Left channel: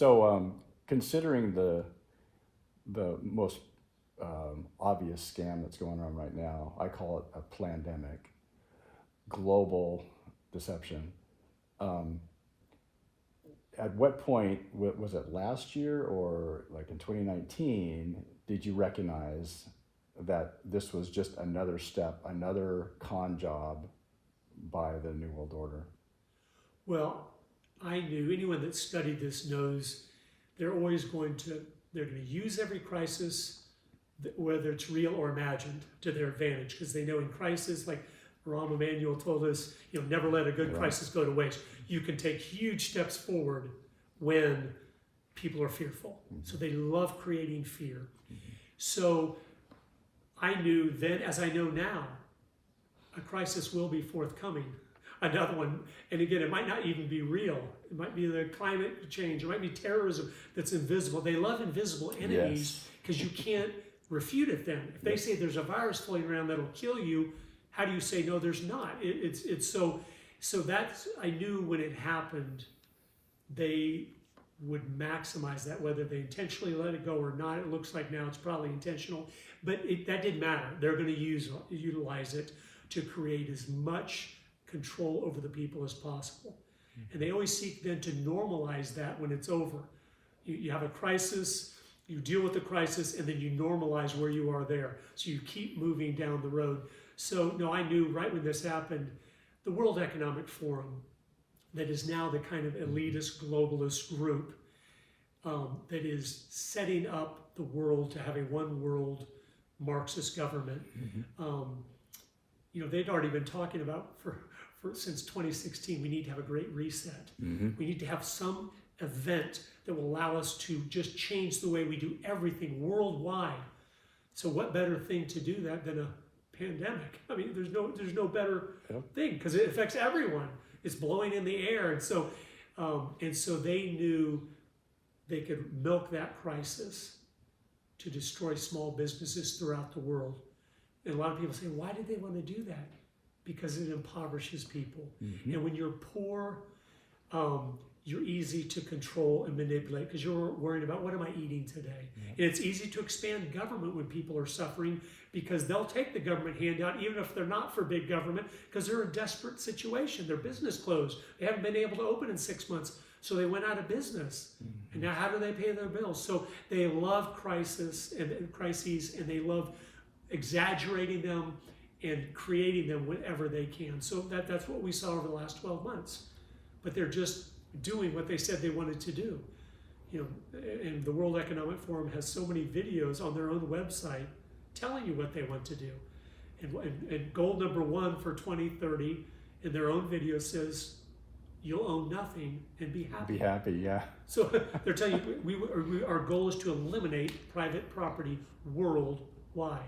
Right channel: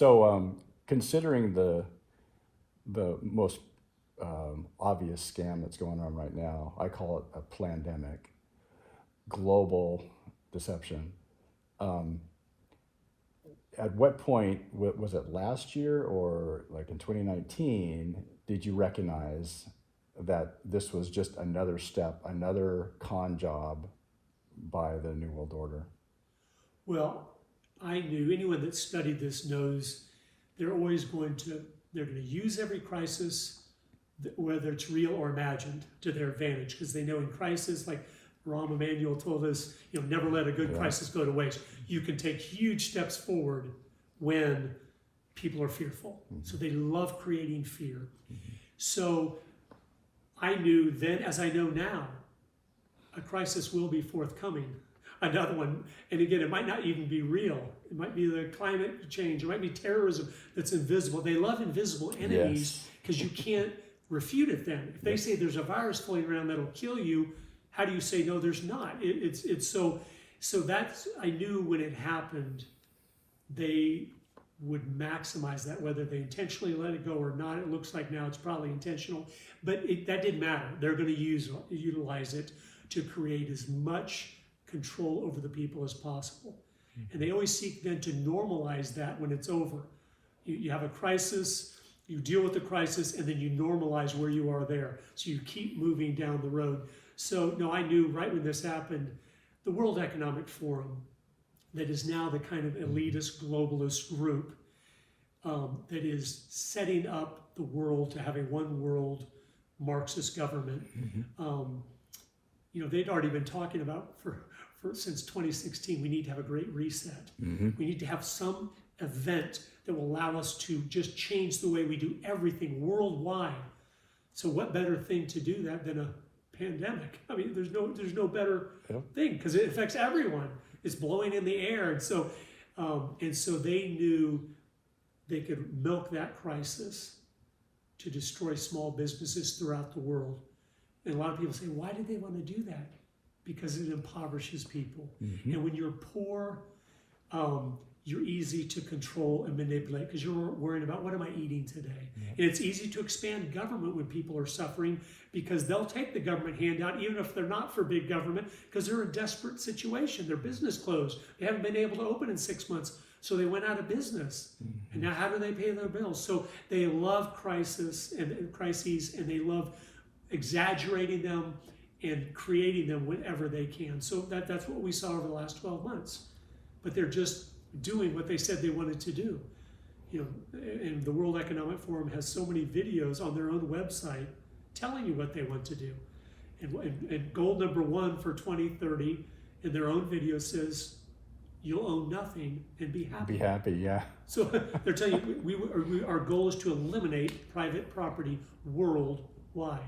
So, considering the most obvious scam that's going on right now, I call it a plandemic, global deception. Um, at what point, was it last year or like in 2019, did you recognize that this was just another step, another con job by the New World Order? Well, I knew anyone that studied this knows they're always they're going to use every crisis, whether it's real or imagined, to their advantage, because they know in crisis, like Rahm Emanuel told us, never let a good crisis go to waste. You can take huge steps forward when people are fearful. So they love creating fear. So I knew then, as I know now, a crisis will be forthcoming. Another one, and again, it might not even be real. It might be the climate change. It might be terrorism that's invisible. They love invisible enemies because you can't refute it then. If they say there's a virus floating around that'll kill you, how do you say, no, there's not? It's so that's, I knew when it happened, they would maximize that, whether they intentionally let it go or not. It looks like now it's probably intentional, but that didn't matter. They're going to utilize it to create as much control over the people as possible. And they always seek then to normalize that when it's over. You have a crisis, you deal with the crisis, and then you normalize where you are there. So you keep moving down the road. So no, I knew right when this happened, the World Economic Forum, that is now the kind of elitist globalist group that is setting up the world to have a one world Marxist government. They'd already been talking about since 2016, we need to have a great reset. We need to have some event that will allow us to just change the way we do everything worldwide. So what better thing to do that than a pandemic? I mean, there's no better thing, because it affects everyone. It's blowing in the air. And so they knew they could milk that crisis to destroy small businesses throughout the world. And a lot of people say, why did they want to do that? Because it impoverishes people. And when you're poor, you're easy to control and manipulate because you're worrying about, what am I eating today? And it's easy to expand government when people are suffering, because they'll take the government handout even if they're not for big government, because they're in a desperate situation. Their business closed. They haven't been able to open in 6 months, so they went out of business. And now how do they pay their bills? So they love crises, and they love exaggerating them and creating them whenever they can. So that's what we saw over the last 12 months. But they're just doing what they said they wanted to do. And the World Economic Forum has so many videos on their own website telling you what they want to do. And goal number 1 for 2030 in their own video says, you'll own nothing and be happy. Be happy, yeah. So they're telling you, our goal is to eliminate private property worldwide.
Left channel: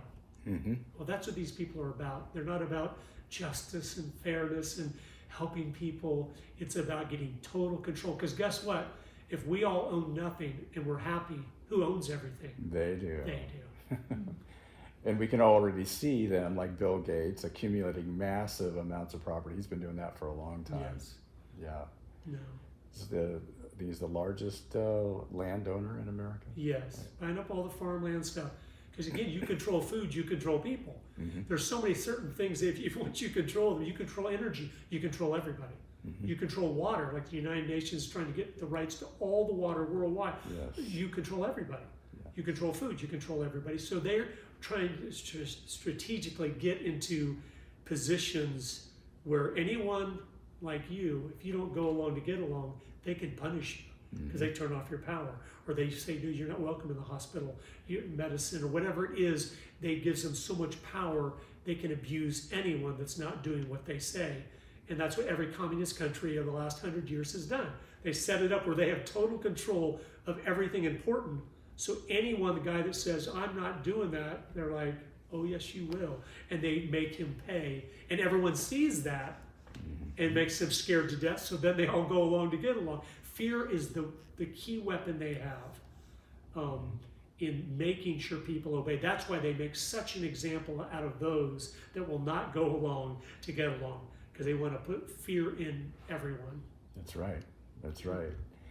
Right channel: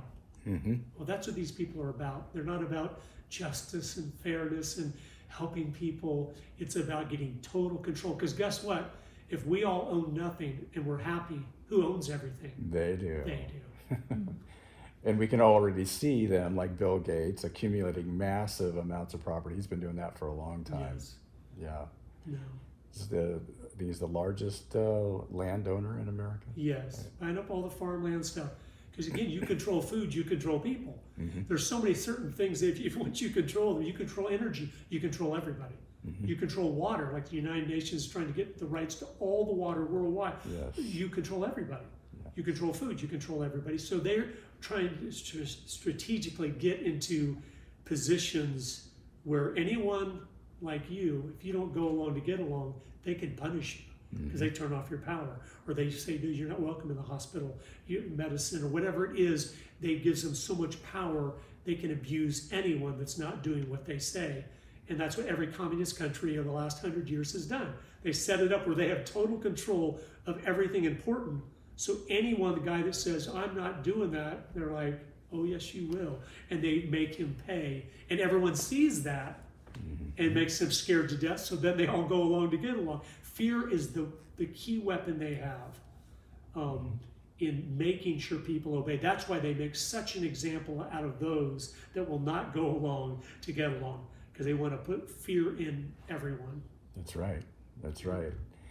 Well, that's what these people are about. They're not about justice and fairness and helping people. It's about getting total control. Because guess what? If we all own nothing and we're happy, who owns everything? They do. They do. And we can already see them, like Bill Gates, accumulating massive amounts of property. He's been doing that for a long time. Yes. Yeah. No. He's the largest landowner in America. Yes. Buying up all the farmland stuff. Because again, you control food, you control people. There's so many certain things that if once you control them, you control energy, you control everybody. You control water, like the United Nations is trying to get the rights to all the water worldwide. You control everybody. You control food, you control everybody. So they're trying to strategically get into positions where anyone like you, if you don't go along to get along, they can punish you. Because they turn off your power, or they say, no, you're not welcome in the hospital, medicine, or whatever it is. They gives them so much power, they can abuse anyone that's not doing what they say. And that's what every communist country of the last 100 years has done. They set it up where they have total control of everything important. So anyone, the guy that says, I'm not doing that, they're like, oh, yes, you will. And they make him pay. And everyone sees that and makes them scared to death. So then they all go along to get along. Fear is the key weapon they have in making sure people obey. That's why they make such an example out of those that will not go along to get along, because they want to put fear in everyone. That's right. That's right.